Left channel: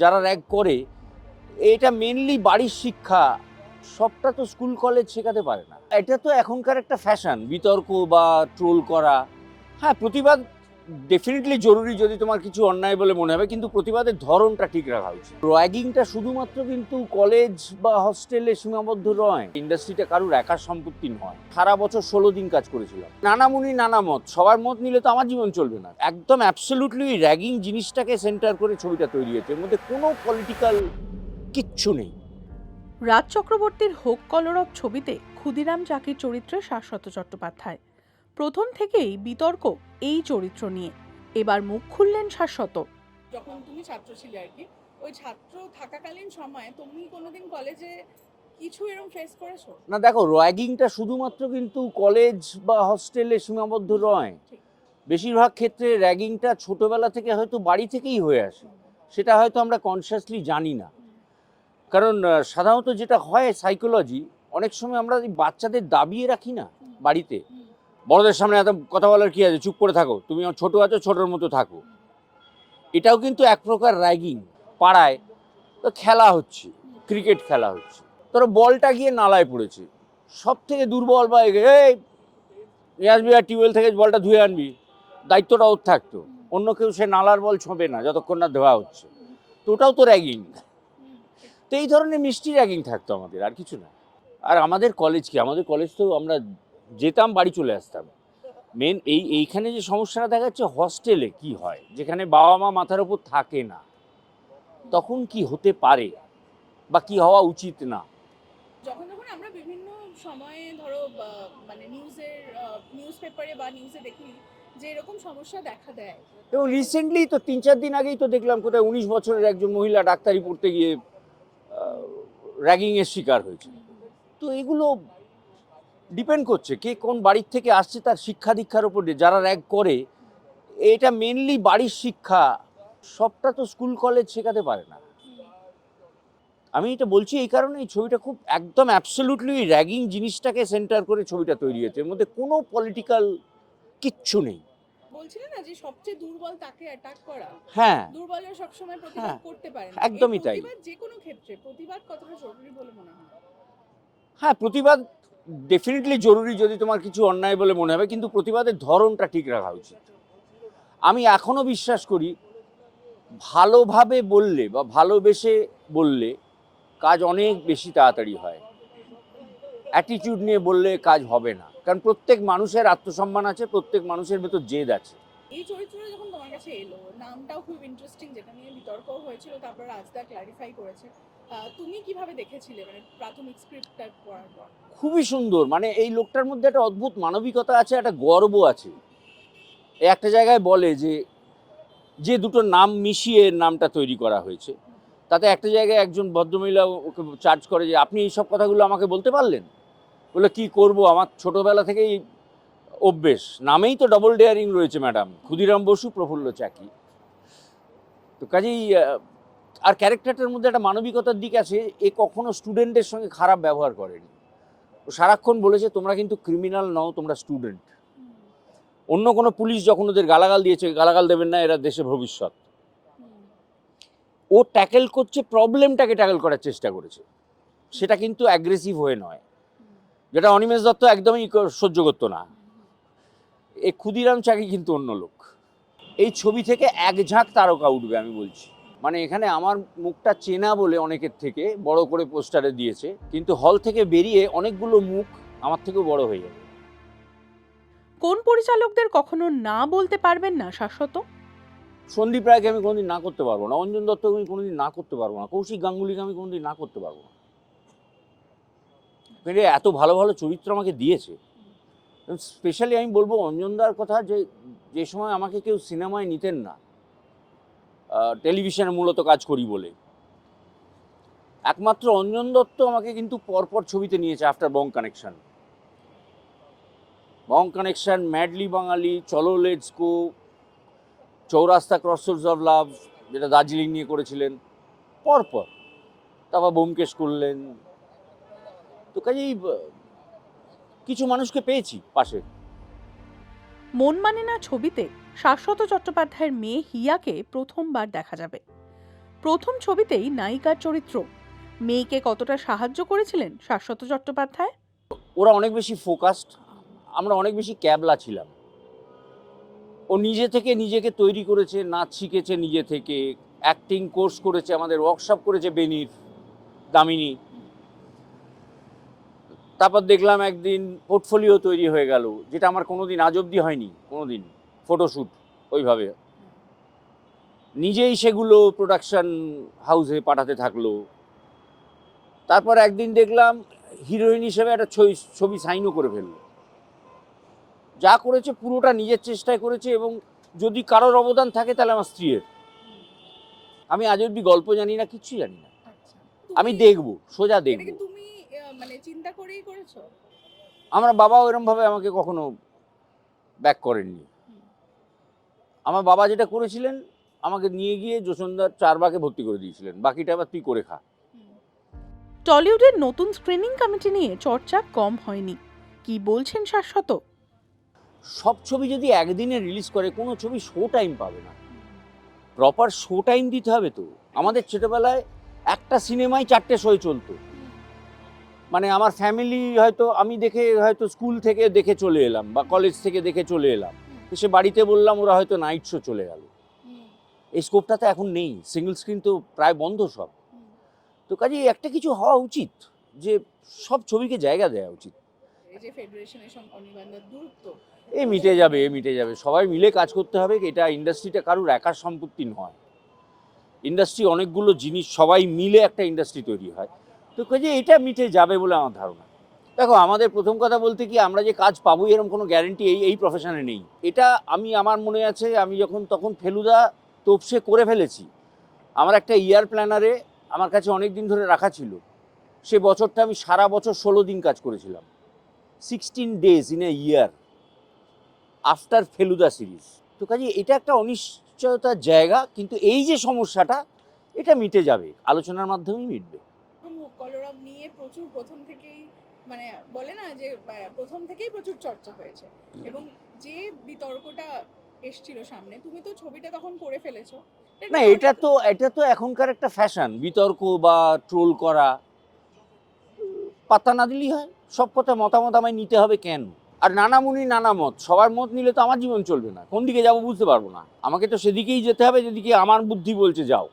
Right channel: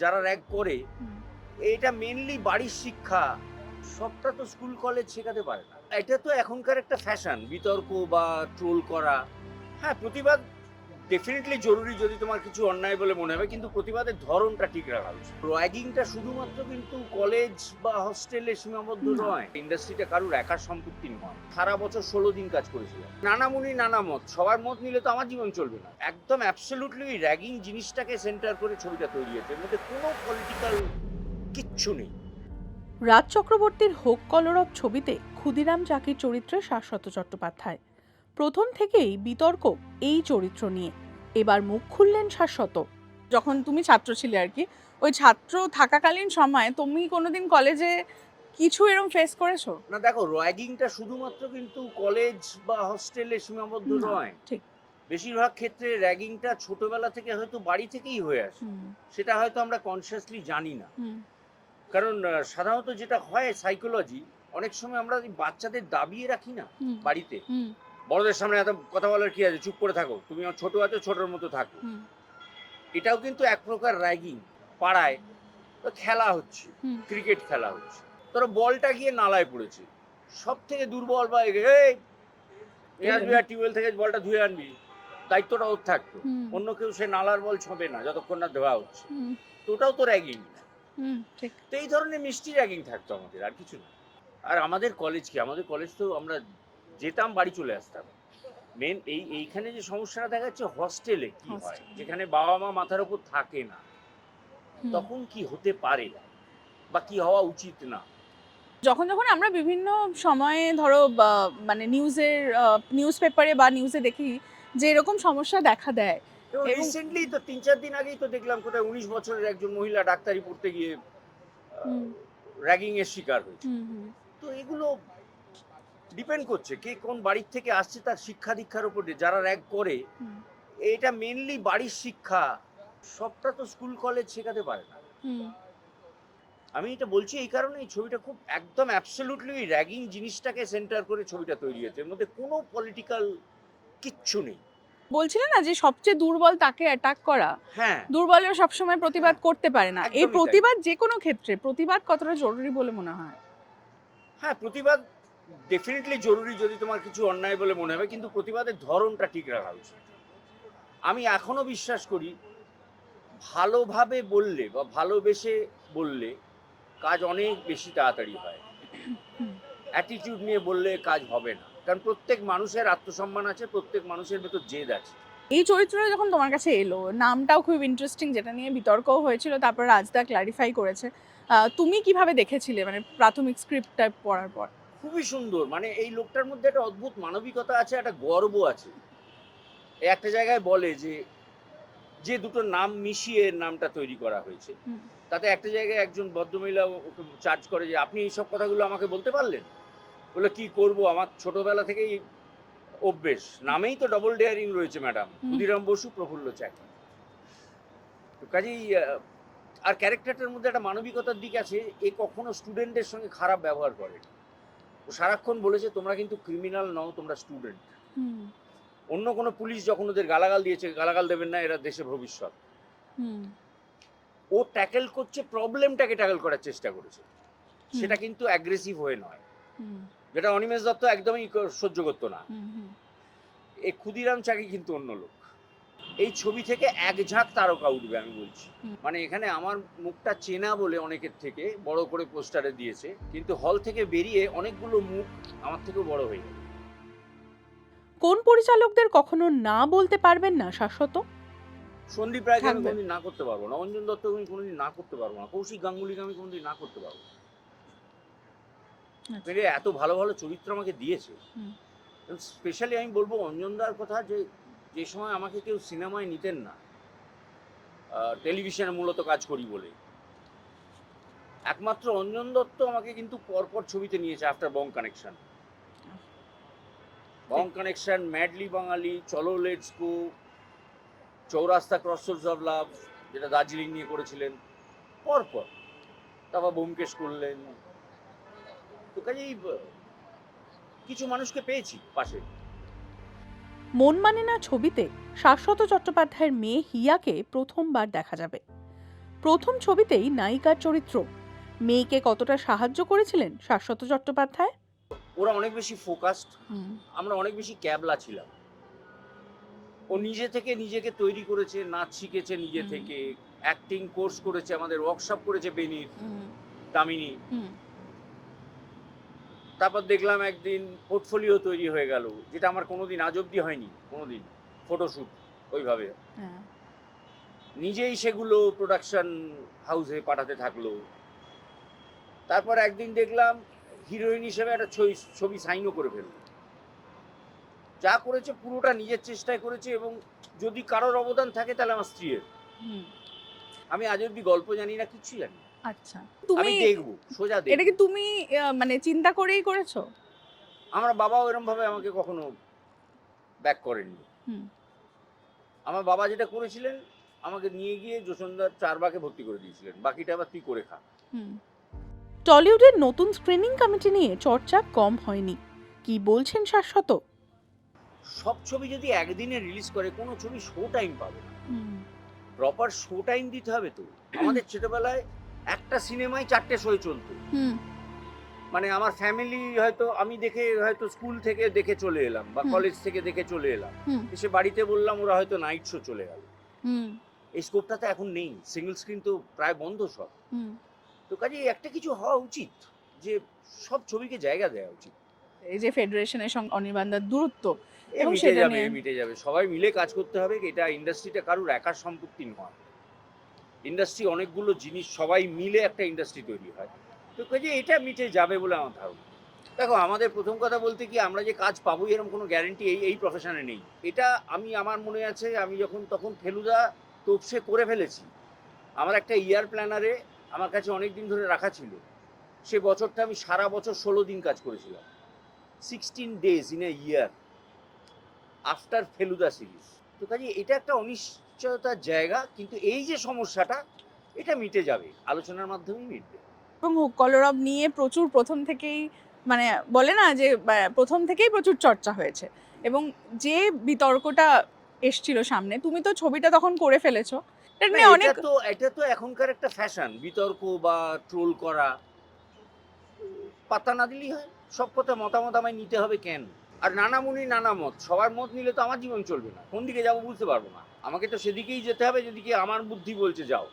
যারা র্যাগ করে এটা মেনলি বাড়ির শিক্ষা, সবটা তো স্কুল কলেজ শেখাতে পারে না। এটা তো এখনকার একটা ফ্যাশন, বিতর্ক বা ট্রোল করা। হ্যাঁ, প্রতিবাদ ডেফিনেটলি জরুরি যদি তোমার কিছু অন্যায় বলে মনে হবে, কিন্তু প্রতিবাদের ধরনটা ঠিক রাখা উচিত। র্যাগিংটা শুধুমাত্র কিন্তু কলেজ বা হস্টেলে সীমাবদ্ধ নয়, ইন্ডাস্ট্রিটা কারুর একার সম্পত্তি নয়। সারা বছর 16 দিন কাজ করেছিলাম, নানা মুনি নানা মত, সবার মত নিলে তো আমার জীবন চলবে না। একদম অ্যাবসলিউটলি র্যাগিং জিনিসটাকে সেন্টার করে ছবিটা তৈরি হয়েছে, এর মধ্যে কোনো পলিটিক্যাল কিচ্ছু নেই। রাজ চক্রবর্তীর হোক কলরব ছবিতে ক্ষুদিরাম চাকির চরিত্রে শাশ্বত চট্টোপাধ্যায়। প্রথম থেকেই বিতর্ক এই চরিত্র নিয়ে। এবার মুখ খুললেন শাশ্বত। যখন তুমি ছাত্র ছিলে আর কি, ওই ছাত্র থাকাকালীন সময় তুমি কোনোদিন কলেজে কিছু এরকম ফেস করেছো? না দেখো, র্যাগিংটা শুধুমাত্র কিন্তু কলেজ বা হস্টেলে সীমাবদ্ধ না, নয়। ঠিক। বেশিরভাগ ক্ষেত্রে র্যাগিংটা ছোটবেলা থেকে হয়তো বাড়ি থেকেই হয়ে আসে, হুম, সেটা হয়তো আমরা কনসিয়াসলি জানি না। হুম, কারণ সাধারণত যেটা হয় সাইকোলজি, অনেক সময় আমরা এই বাচ্চাদের দাবিয়ে রাখি না হুম, বাড়িতে। হুম, বড়দের সামনে এত কথা বলার কি আছে, চুপ করে থাকো, তুমি ছোট আছো ছোটর মতো থাকো। হুম, এটাও কিন্তু এক প্রকার র্যাগিং। পাড়ায় তো খেলা হচ্ছে, হুম, ক্রিকেট খেলা হচ্ছে, ধরো বলটা গিয়ে নালায় পড়েছে, সব থেকে দুর্বল বা নিয়ে আসবি আর টিউবওয়েল থেকে বলটা ধুয়ে আনবি, দায়িত্বটা ওর থাকতো। হুম, অন্য কেউ সে নালার বল ছোঁবে না যতক্ষণ না ধোয়া হচ্ছে। হুম, তো ওটাও তো র্যাগিং। হুম, ঠিক। তো এই ধরনের মিষ্টি র্যাগিং থাকতো আমাদের, আর কিছু না। আর আমাদের কলেজ কি, আমাদের কলেজ তো আমরা যেতাম বাড়ি চলে আসতাম। মেন এইখানে যে সমস্যাটা দেখা যাচ্ছে হস্টেলে কি হয়, Hostel, যেখানে বাবা মা মাথার উপর থাকে না, হুম। তখন কি হতে পারে বা কি হওয়া উচিত না। যখন যখন আমরা বিভিন্ন সময়ে ধরো মানে নিউজ পেপারে বা নিউজে দেখি যে এরকম সমস্যা দেখা দেয় এবং এবং রিসেন্টলি তো 3-4 দিন আগেই তো দেখলাম কোথায় 19 বছরের একজন মহিলা ডাক্তারি পড়তে গিয়ে হুম, র্যাগিং এর শিকার হয়েছে। হুম, হুম, তো এগুলো ডিপেন্ড করছে কে কোন বাড়ির থেকে আসছে, তার শিক্ষা দীক্ষার উপর দিয়ে। যারা র্যাগ করে হুম, এটা মেনলি বাড়ির শিক্ষা, সবটা তো স্কুল কলেজ শেখাতে পারে না। হুম। আমি এটা বলছি এই কারণে, এই ছবিটা খুব একদম অ্যাবসলিউটলি র্যাগিং জিনিসটাকে সেন্টার করে ছবিটা তৈরি হয়েছে, এর মধ্যে কোনো পলিটিক্যাল কিচ্ছু নেই। বলছিলে না যে সবচেয়ে দুর্বল তাকে অ্যাটাক করা, হ্যাঁ, দুর্বলেরা সবসময় প্রতিবাদ হ্যাঁ, করতে পারে না। এই একদমই তাই। প্রতিবাদ যে কোনো ক্ষেত্রে প্রতিবাদ কতটা জরুরি বলে মনে হয়? হ্যাঁ, প্রতিবাদ ডেফিনেটলি জরুরি যদি তোমার কিছু অন্যায় বলে মনে হবে, কিন্তু প্রতিবাদের ধরনটা ঠিক রাখা উচিত। আমি এখনো বিশ্বাস করি, ভালোভাবে বললে বা ভালোবেসে বললে কাজ অনেক বেশি তাড়াতাড়ি হয়। হুম। অ্যাটিটিউড নিয়ে বললে কাজ হবে না, কারণ প্রত্যেক মানুষের আত্মসম্মান আছে, প্রত্যেক মানুষের ভেতর জেদ আছে। এই চরিত্রটা যখন তোমার কাছে এলো, নামটাও খুব ইন্টারেস্টিং, যেটা নিয়ে বিতর্কও হয়েছিল, তারপর রাজদা ক্লারিফাই করেছে। তুমি কিভাবে দেখেছিলে মানে প্রাথমিক স্ক্রিপ্টটা পড়ার পর? খুবই সুন্দর, মানে এই লোকটার মধ্যে একটা অদ্ভুত মানবিকতা আছে, একটা গর্ব আছে। একটা জায়গায় বলে যে যে দুটো নাম মিশিয়ে নামটা তৈরি করা হয়েছে, হুম, তাতে একটা জায়গায় একজন ভদ্রমহিলা ওকে চার্জ করে যে আপনি এইসব কথাগুলো আমাকে বলতে পারলেন। বলে কি করব, আমার ছোটবেলা থেকেই অভ্যেস, নামেই তো ডবল ডেয়ারিং রয়েছে ম্যাডাম, হুম, ক্ষুদিরাম বসু প্রফুল্ল চাকি। তো কাজেই আর ক্যারেক্টারটার মধ্যে একটা মানবিকতার দিক আছে, এ কখনো স্টুডেন্টের সঙ্গে খারাপ ব্যবহার করেনি। ও সারাক্ষণ বলেছে তোমরা কিন্তু ক্রিমিনাল নও, তোমরা স্টুডেন্ট। হুম, অন্য কোনো পুলিশ যখন ওদের গালাগাল দিয়েছে, গালাগাল দেবেন না, এরা দেশের ভবিষ্যৎ। হুম, ও ট্যাকেল করছে, প্রবলেমটাকে ট্যাকেল করার চেষ্টা করেছে, হুম, সেটা কিন্তু অ্যাগ্রেসিভ হয়ে নয়, হুম, যেটা অনিমেষ দত্ত একদমই সহ্য করতো না। হুম, হুম, এই ক্ষুদিরাম চাকি কিন্তু অন্য লোক। এই ছবি থেকে এক ঝাঁক তারকা উঠবে আমি বলছি। হুম। মানে এখানে আমার মুখটা চেনা বলে অনেকের থেকে বড় করে পোস্টারে দিয়েছে, কিন্তু হল থেকে বেরিয়ে অনেকগুলো মুখ আমার থেকেও বড় হয়ে যাবে। কোন পরিচালকদের কখনো না বলতে পারবেন না শাশ্বত? সন্দীপ রায়কে আমি থাকবে। কোনোদিন না করতে পারবো না, অঞ্জন দত্তকে আমি কোনোদিন না করতে পারবো না, কৌশিক গাঙ্গুলিকে আমি কোনোদিন না করতে পারবো না। আচ্ছা। মানে এত ভালো ভালো চরিত্র আমাকে দিয়েছে। হুম, স্পেশালি আমি বলবো অঞ্জনদার কথা, যে যে সময় আমাকে কেউ সিনেমায় নিতেন না, টেলিভিশনে মূলত কাজ করি বলে, একমাত্র অঞ্জন দত্ত আমাকে কিন্তু পরপর ছবিতে নিয়েছে আফটার বং কানেকশন। বং কানেকশন, ম্যাডলি বাঙালি, চলো লেটস গো, চৌরাস্তা, ক্রসরোডস অফ লাভ, যেটা দার্জিলিং নিয়ে করেছিলেন, পরপর। তারপর ব্যোমকেশ করলেন। তো কাজেই কিছু মানুষকে পেয়েছি পাশে। মন মানে না ছবিতে শাশ্বত চট্টোপাধ্যায়ের মেয়ে হিয়াকে প্রথমবার দেখা যাবে। প্রথম ছবিতেই নায়িকার চরিত্র, মেয়েকে কতটা সাহায্য করেছিলেন শাশ্বত চট্টোপাধ্যায়? ওরা অনেক বেশি ফোকাসড, আমরা অনেক বেশি ক্যাবলা ছিলাম। ও নিজে থেকে নিজেকে তৈরি করেছে, নাচ শিখেছে নিজে থেকে, অ্যাক্টিং কোর্স করেছে, আমাদের ওয়ার্কশপ করেছে বেনির, দামিনী। তারপর দেখলাম একদিন পোর্টফোলিও তৈরি হয়ে গেল, যেটা আমার কোনোদিন আজ অব্দি হয়নি, কোনোদিন ফটোশ্যুট ওইভাবে। নিজেই সেগুলো প্রোডাকশন হাউসে পাঠাতে থাকলো। তারপর একদিন দেখলাম হিরোইন হিসেবে একটা ছবি সাইনও করে ফেললো। যা করেছে পুরোটা নিজের চেষ্টায় করেছে, এবং যদি কারোর অবদান থাকে তাহলে আমার স্ত্রীর। আমি আজ অব্দি গল্প জানি না, কিচ্ছু জানি না। আচ্ছা, আমি দেখবো, সোজা এটা দেখবো। কি তুমি মানে চিন্তা করেই করেছো? আমার বাবাও এরকম ভাবে আমাকে কখনো ব্যাক করেননি। আমার বাবা যেটা করেছিলেন, আমাকে নিয়ে গিয়ে যশোদার চারবাগে ভর্তি করে দিয়েছিলেন, বাকিটা আবার তুই করে খা। টলিউডের নতুন স্ক্রিনিং কমিটি নিয়ে চর্চা কম হয়নি, কি বলছেন শাশ্বত? সব ছবি যদি একদিনে রিলিজ করে, কোনো ছবি শো টাইম পাবে না। প্রপার শো টাইম দিতে হবে তো। আমাদের ছোটবেলায় একটা সিনেমায় 4টে শো চলতো। মানে আমার ফ্যামিলি হয়তো, আমি দেখে হয়তো স্কুল থেকে দেখে চলে এলাম বা কলেজ থেকে দেখে চলে এলাম, এসে বাড়িতে বললাম, ওরা হয়তো নাইট শো চলে গেল। এই স্কোপটা তো এখন নেই, সিঙ্গেল স্ক্রিন তো প্রায় বন্ধ সব। তো কাজেই একটা কিছু হওয়া উচিত, যে সব ছবিকে জায়গা দেওয়া উচিত। এই যে ফেডারেশনের সঙ্গে অনির্বাণদার দূরত্ব, এ এবং মিটে সেটা যাবে, নিয়ে- মিটে যাবে। সবাই মিলে কাজ করতে হবে। এটা ইন্ডাস্ট্রিটা কারুর একার সম্পত্তি নয়। ইন্ডাস্ট্রি অনেকগুলো জিনিস, সবাই মিলে একটা ইন্ডাস্ট্রি তৈরি হয়। তো কাজে এটা মিটে যাবে বলে আমার ধারণা। দেখো, আমাদের প্রথম কথা বলতে কি, আমরা যে কাজ পাবো এরকম কোনো গ্যারেন্টি এই প্রফেশনে নেই। এটা আমার মনে আছে, আমি যখন তখন ফেলুদা তোপসে করে ফেলেছি। আমার একটা ইয়ার প্ল্যানারে আমার কাছে অনেক দিন ধরে রাখা ছিল। সে বছরটা আমি সারা বছর 16 দিন কাজ করেছিলাম, 16 days in a year after Feluda series. তো কাজে এটা একটা অনিশ্চয়তার জায়গা, কিন্তু এই যে সমস্যাটা, এটা মিটে যাবে, আলোচনার মাধ্যমেই মিটবে। এবং কলরব নিয়ে প্রথম থেকেই মানে বলে না যে প্রথম থেকেই প্রচুর চর্চা হয়েছে, এবং যে বিতর্কটা এসছিল সামনে, তুমি তো ছবিটা তখন করে ফেলেছো। এটা না, নিয়ে অনেক এটা তো এখনকার একটা ফ্যাশন, বিতর্ক বা ট্রোল করা। পাত্তা না দিলেই হয়। সব কথা মতামত আমায় নিতে হবে কেন? আর নানা মুনি নানা মত, সবার মত নিলে তো আমার জীবন চলবে না। কোন দিকে যাবো বুঝতে পারবো না। আমাকে তো সেদিকেই যেতে হবে যেদিকে আমার বুদ্ধি বলছে যাও।